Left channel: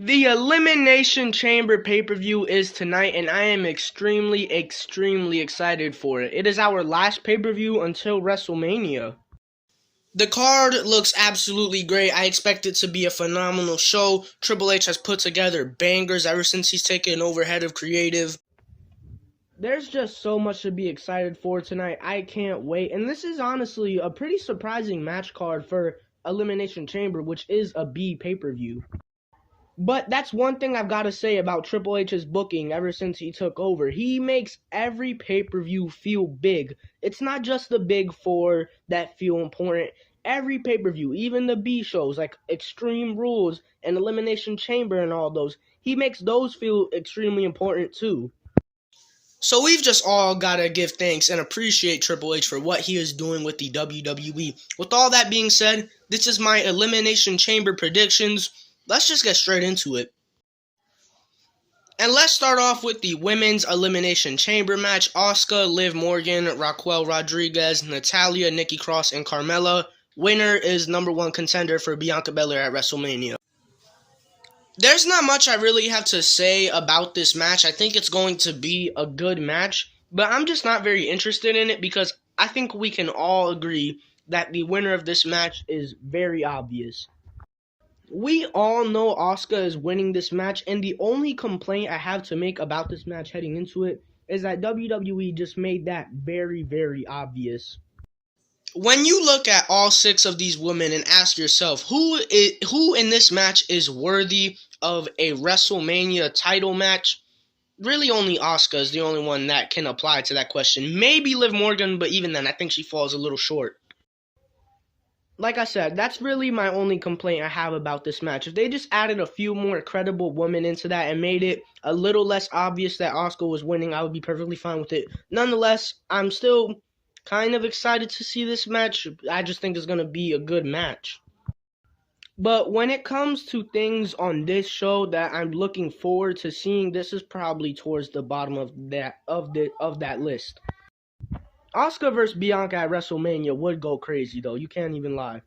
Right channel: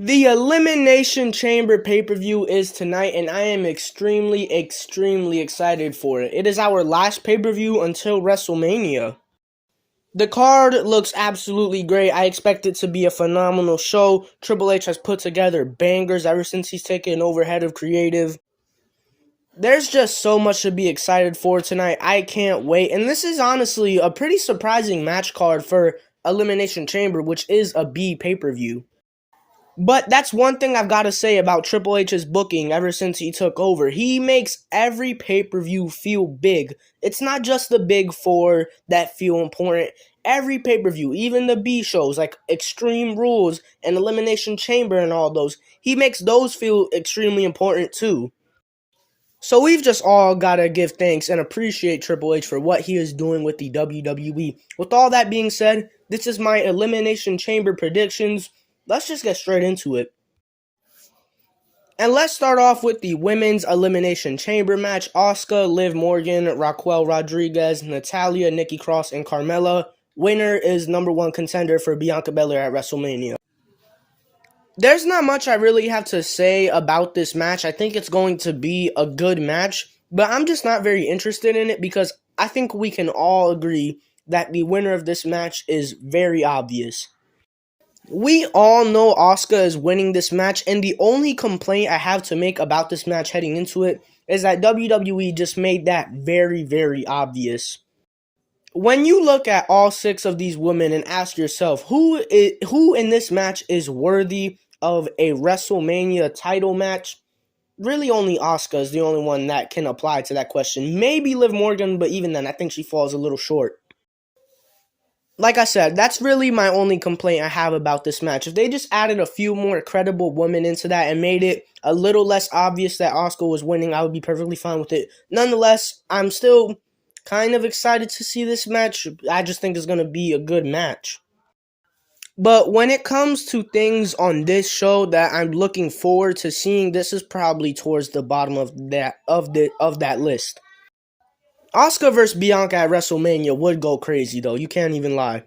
The Elimination Chamber pay-per-view is tonight, and I am extremely excited for it. It is our last pay-per-view until WrestleMania. The card looks absolutely great. I expect it to be a phenomenal show. Triple H has put together bangers ever since he's taken over head of creative. There's just so much to be excited for tonight. I can't wait. And this is honestly a pretty surprising match card for Elimination Chamber, which is a B pay-per-view. But that's one thing I've got to say about Triple H's booking ever since he took over. He makes every pay-per-view feel big. It's not just the big four that feel important. Every pay-per-view, even the B shows like Extreme Rules and Elimination Chamber and all those, he makes those feel extremely important too. So we've just all got to give thanks and appreciate Triple H for what he is doing with the WWE. With all that being said, this is my Elimination Chamber predictions. Let's just get straight into it. And let's start off with the Women's Elimination Chamber match. Asuka, Liv Morgan, Raquel Rodriguez, Natalya, Nikki Cross, and Carmella. Winner is number one contender for Bianca Belair at WrestleMania. There's not much I really have to say about this match. I think it's going to be a good match, but I'm just not very interested in it because I think we can all agree that the winner of this match is very obvious. We all know Asuka is winning this match, and the only complaint I have to make about this match heading into it is that WWE just made that very obvious. When you look at all six of these women and ask yourself, who in this match is worthy of a WrestleMania title match, really only Asuka is the only one that can apply to that question. Maybe Liv Morgan, but even then, I think she falls a little short. Like I said, that's really my only complaint I have about this match. If they just added a few more credible women into that and made it a little less obvious that Asuka was winning, I would be perfectly fine with it. Nonetheless, I'm still kind of excited to see this match. I just think it's going to be a good match. But when it comes to things on this show that I'm looking forward to seeing, this is probably towards the bottom of that list. Asuka versus Bianca at WrestleMania would go crazy, though. You can't even lie.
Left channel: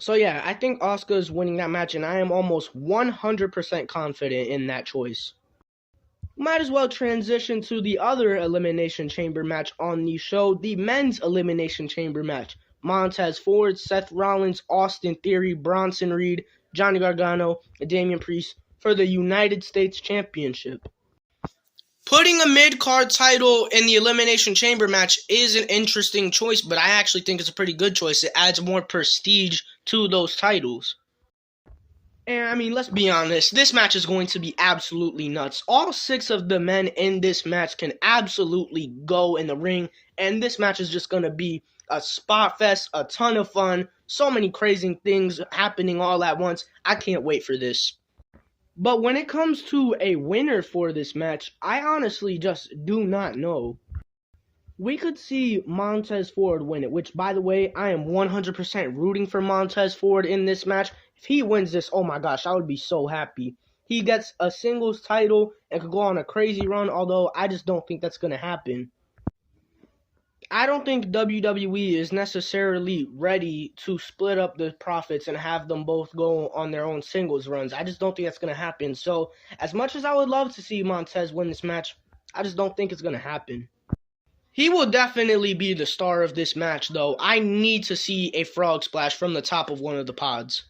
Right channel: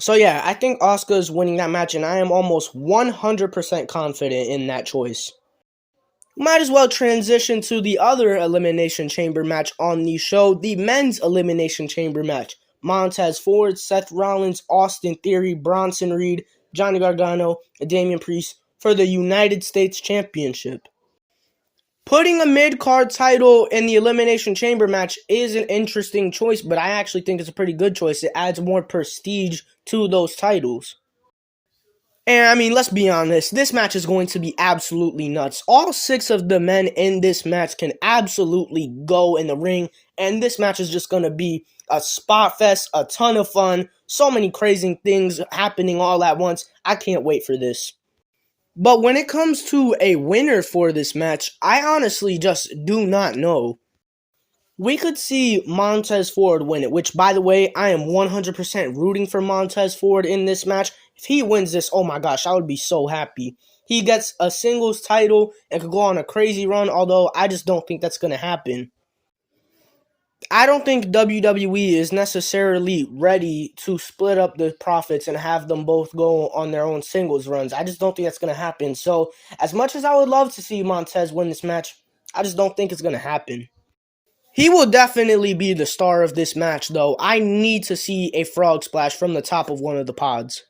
So, yeah, I think Asuka is winning that match, and I am almost 100% confident in that choice. Might as well transition to the other Elimination Chamber match on the show, the Men's Elimination Chamber match. Montez Ford, Seth Rollins, Austin Theory, Bronson Reed, Johnny Gargano, and Damian Priest for the United States Championship. Putting a mid-card title in the Elimination Chamber match is an interesting choice, but I actually think it's a pretty good choice. It adds more prestige to those titles. And, I mean, let's be honest, this match is going to be absolutely nuts. All six of the men in this match can absolutely go in the ring, and this match is just going to be a spot fest, a ton of fun, so many crazy things happening all at once. I can't wait for this. But when it comes to a winner for this match, I honestly just do not know. We could see Montez Ford win it, which, by the way, I am 100% rooting for Montez Ford in this match. If he wins this, oh my gosh, I would be so happy. He gets a singles title and could go on a crazy run, although I just don't think that's going to happen. I don't think WWE is necessarily ready to split up the profits and have them both go on their own singles runs. I just don't think that's going to happen. So, as much as I would love to see Montez win this match, I just don't think it's going to happen. He will definitely be the star of this match, though. I need to see a frog splash from the top of one of the pods.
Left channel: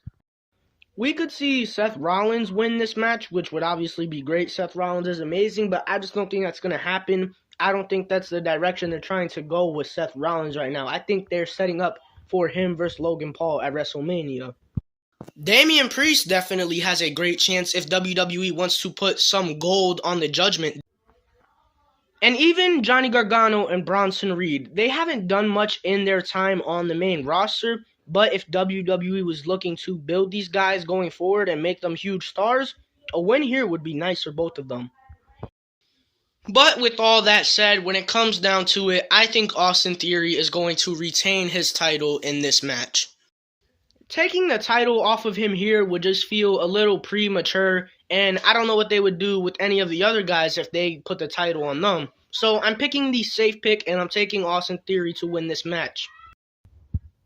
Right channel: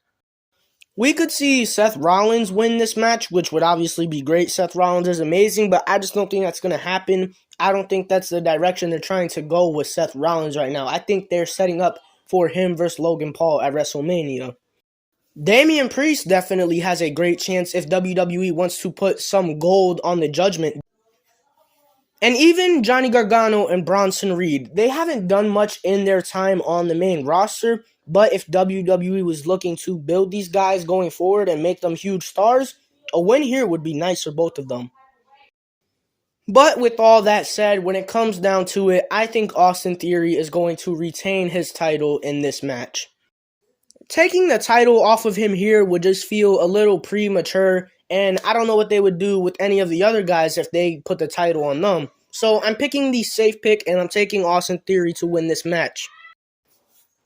We could see Seth Rollins win this match, which would obviously be great. Seth Rollins is amazing, but I just don't think that's going to happen. I don't think that's the direction they're trying to go with Seth Rollins right now. I think they're setting up for him versus Logan Paul at WrestleMania. Damian Priest definitely has a great chance if WWE wants to put some gold on the Judgment. And even Johnny Gargano and Bronson Reed, they haven't done much in their time on the main roster, but if WWE was looking to build these guys going forward and make them huge stars, a win here would be nice for both of them. But with all that said, when it comes down to it, I think Austin Theory is going to retain his title in this match. Taking the title off of him here would just feel a little premature, and I don't know what they would do with any of the other guys if they put the title on them. So I'm picking the safe pick, and I'm taking Austin Theory to win this match.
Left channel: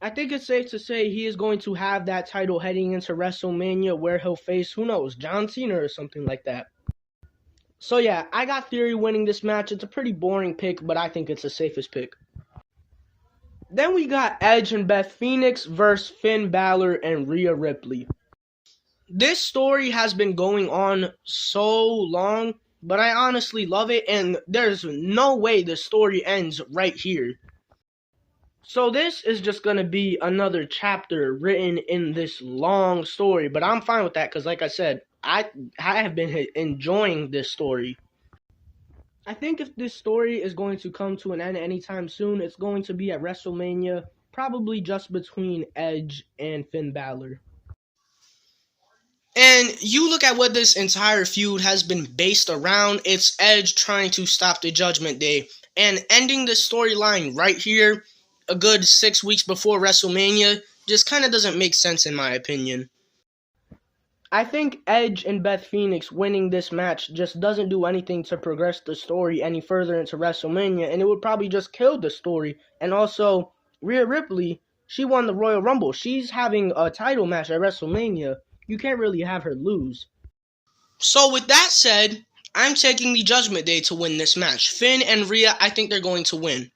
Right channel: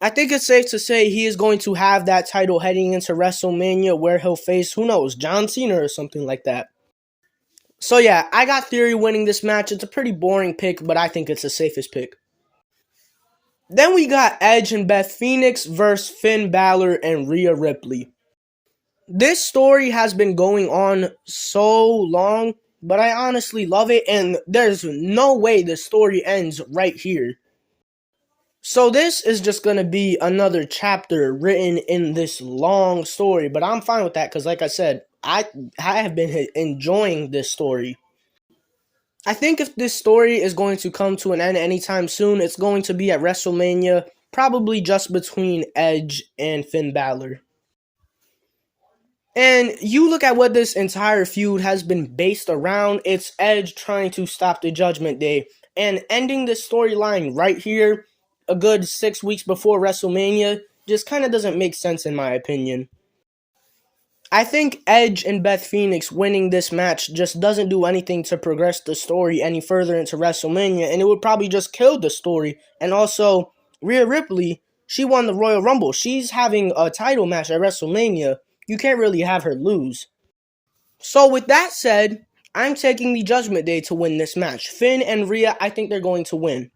I think it's safe to say he is going to have that title heading into WrestleMania where he'll face, who knows, John Cena or something like that. So yeah, I got Theory winning this match. It's a pretty boring pick, but I think it's the safest pick. Then we got Edge and Beth Phoenix versus Finn Balor and Rhea Ripley. This story has been going on so long, but I honestly love it, and there's no way the story ends right here. So this is just going to be another chapter written in this long story, but I'm fine with that because, like I said, I have been enjoying this story. I think if this story is going to come to an end anytime soon, it's going to be at WrestleMania, probably just between Edge and Finn Balor. And you look at what this entire feud has been based around, it's Edge trying to stop the Judgment Day. And ending the storyline right here, a good 6 weeks before WrestleMania, just kind of doesn't make sense in my opinion. I think Edge and Beth Phoenix winning this match just doesn't do anything to progress the story any further into WrestleMania, and it would probably just kill the story. And also, Rhea Ripley, she won the Royal Rumble. She's having a title match at WrestleMania. You can't really have her lose. So with that said, I'm taking the Judgment Day to win this match. Finn and Rhea, I think they're going to win.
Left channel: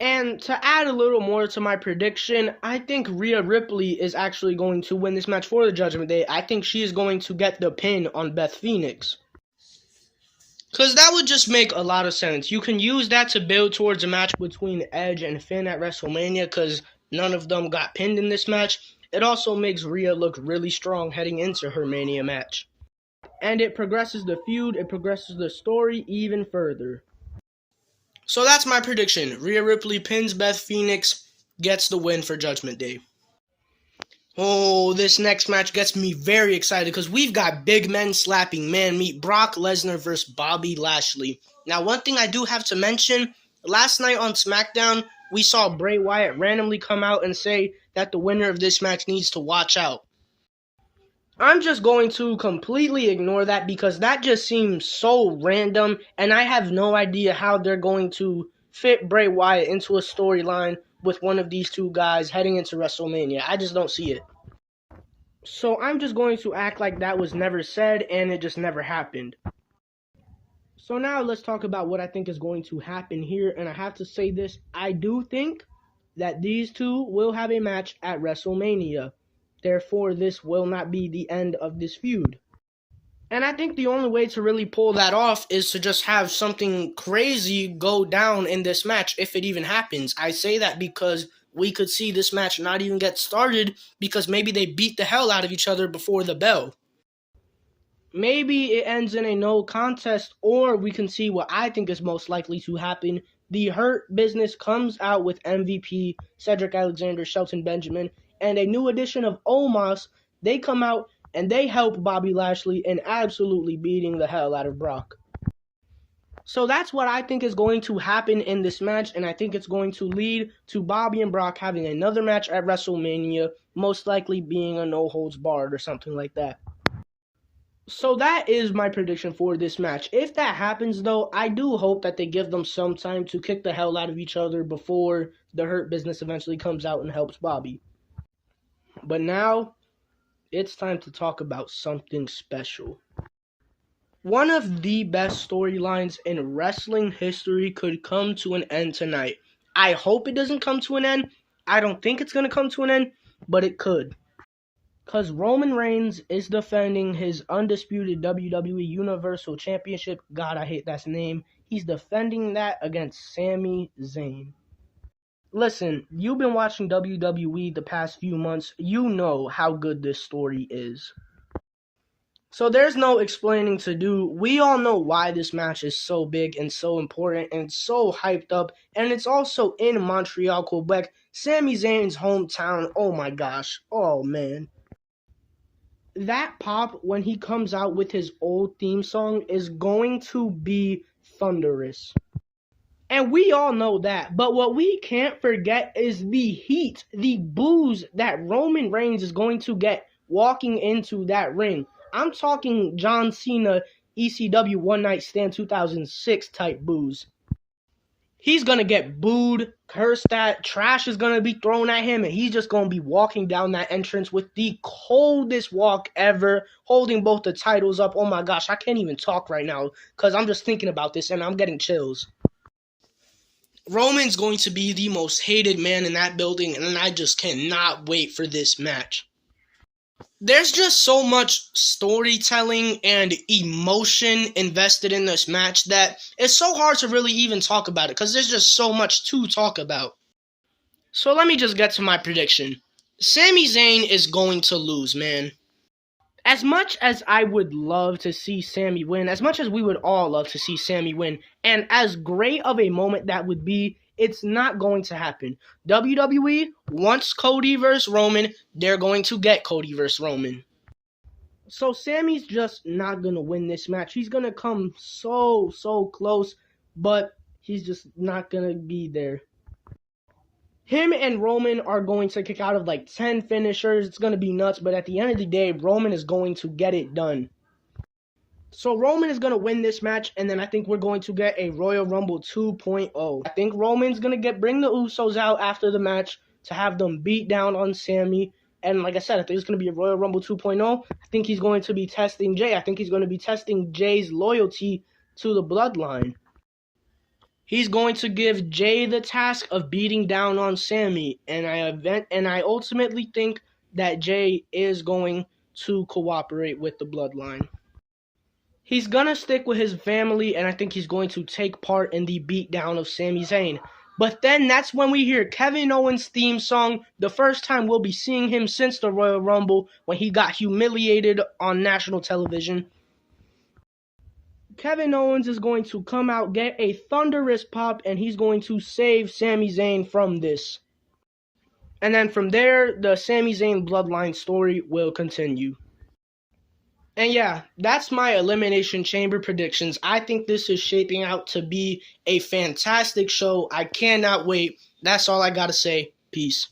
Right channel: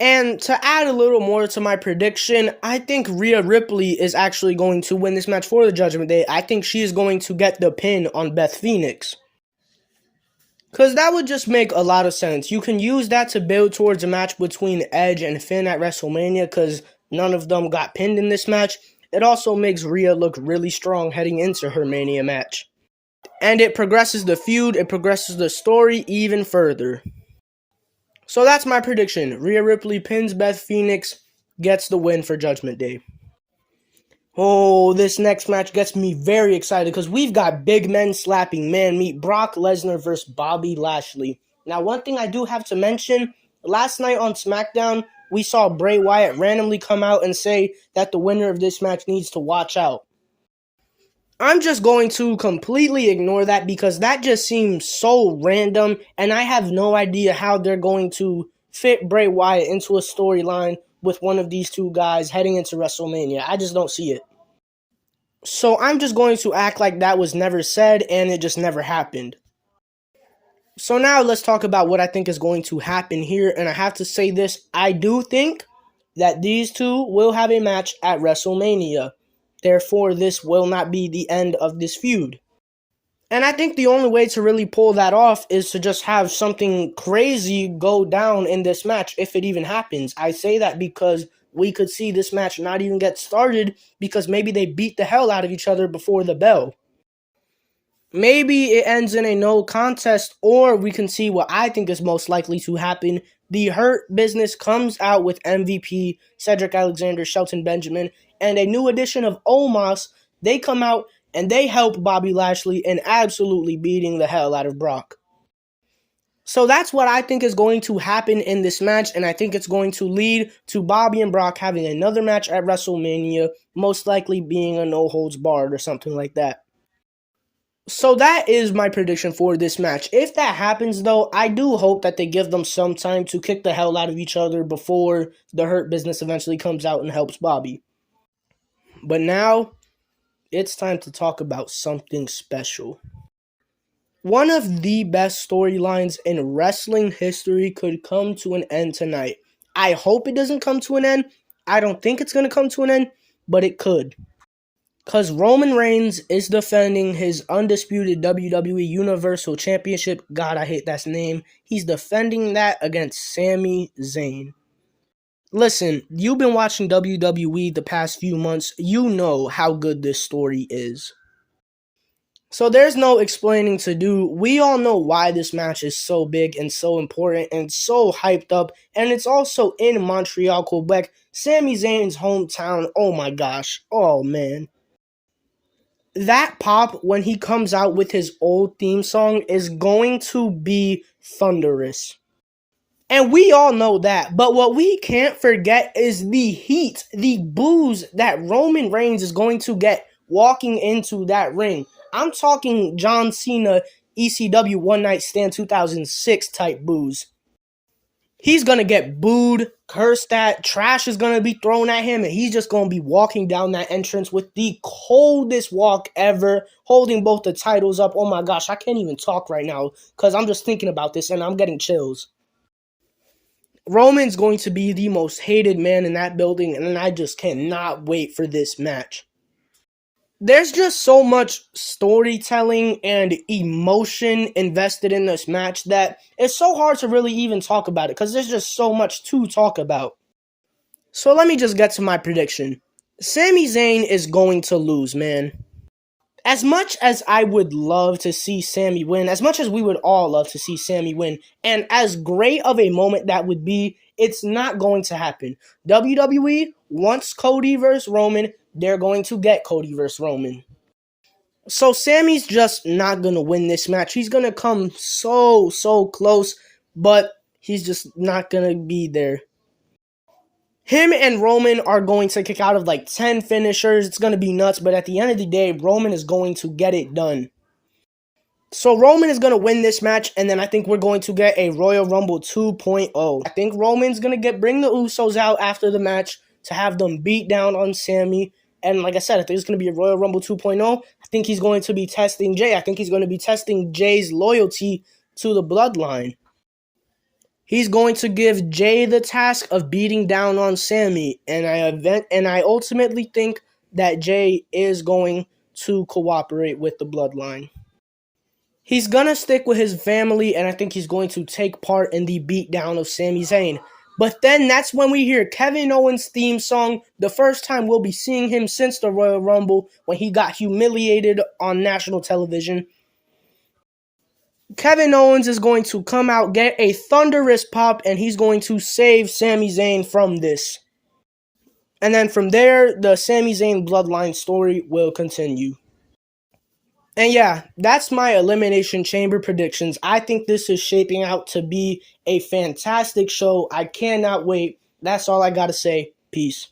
And to add a little more to my prediction, I think Rhea Ripley is actually going to win this match for the Judgment Day. I think she is going to get the pin on Beth Phoenix. Because that would just make a lot of sense. You can use that to build towards a match between Edge and Finn at WrestleMania because none of them got pinned in this match. It also makes Rhea look really strong heading into her Mania match. And it progresses the feud, it progresses the story even further. So that's my prediction. Rhea Ripley pins Beth Phoenix, gets the win for Judgment Day. Oh, this next match gets me very excited because we've got big men slapping man meat. Brock Lesnar versus Bobby Lashley. Now, one thing I do have to mention, last night on SmackDown, we saw Bray Wyatt randomly come out and say that the winner of this match needs to watch out. I'm just going to completely ignore that because that just seems so random, and I have no idea how they're going to fit Bray Wyatt into a storyline with one of these two guys heading into WrestleMania. I just don't see it. So I'm just going to act like that was never said and it just never happened. So now let's talk about what I think is going to happen here, and I have to say this, I do think that these two will have a match at WrestleMania. Therefore, this will not be the end of this feud. And I think the only way to really pull that off is to just have something crazy go down in this match, if it even happens. I say that because we could see this match not even get started because maybe they beat the hell out of each other before the bell. Maybe it ends in a no contest, or we can see what I think is most likely to happen. The Hurt Business comes out with MVP, Cedric Alexander, Shelton Benjamin, and a new edition of Omos. They come out and they help Bobby Lashley in absolutely beating the hell out of Brock. So that's what I think is going to happen in this match, and I think it's going to lead to Bobby and Brock having another match at WrestleMania, most likely being a no-holds-barred or something like that. So that is my prediction for this match. If that happens, though, I do hope that they give them some time to kick the hell out of each other before the Hurt Business eventually comes out and helps Bobby. But now, it's time to talk about something special. One of the best storylines in wrestling history could come to an end tonight. I hope it doesn't come to an end. I don't think it's going to come to an end, but it could. Because Roman Reigns is defending his undisputed WWE Universal Championship. God, I hate that name. He's defending that against Sami Zayn. Listen, you've been watching WWE the past few months. You know how good this story is. So there's no explaining to do. We all know why this match is so big and so important and so hyped up. And it's also in Montreal, Quebec, Sami Zayn's hometown. Oh my gosh. Oh man. That pop when he comes out with his old theme song is going to be thunderous. And we all know that. But what we can't forget is the heat, the boos that Roman Reigns is going to get walking into that ring. I'm talking John Cena, ECW One Night Stand 2006 type boos. He's going to get booed, cursed at, trash is going to be thrown at him, and he's just going to be walking down that entrance with the coldest walk ever, holding both the titles up. Oh my gosh, I can't even talk right now because I'm just thinking about this and I'm getting chills. Roman's going to be the most hated man in that building, and I just cannot wait for this match. There's just so much storytelling and emotion invested in this match that it's so hard to really even talk about it because there's just so much to talk about. So let me just get to my prediction. Sami Zayn is going to lose, man. As much as I would love to see Sami win, as much as we would all love to see Sami win, and as great of a moment that would be, it's not going to happen. WWE wants Cody versus Roman. They're going to get Cody versus Roman. So Sami's just not going to win this match. He's going to come so close, but he's just not going to be there. Him and Roman are going to kick out of like 10 finishers. It's going to be nuts, but at the end of the day, Roman is going to get it done. So Roman is going to win this match, and then I think we're going to get a Royal Rumble 2.0. I think Roman's going to bring the Usos out after the match to have them beat down on Sami. And like I said, I think it's going to be a Royal Rumble 2.0. I think he's going to be testing Jay. I think he's going to be testing Jay's loyalty to the bloodline. He's going to give Jay the task of beating down on Sami, and I ultimately think that Jay is going to cooperate with the bloodline. He's going to stick with his family, and I think he's going to take part in the beatdown of Sami Zayn. But then that's when we hear Kevin Owens' theme song, the first time we'll be seeing him since the Royal Rumble when he got humiliated on national television. Kevin Owens is going to come out, get a thunderous pop, and he's going to save Sami Zayn from this. And then from there, the Sami Zayn bloodline story will continue. And yeah, that's my Elimination Chamber predictions. I think this is shaping out to be a fantastic show. I cannot wait. That's all I gotta say. Peace.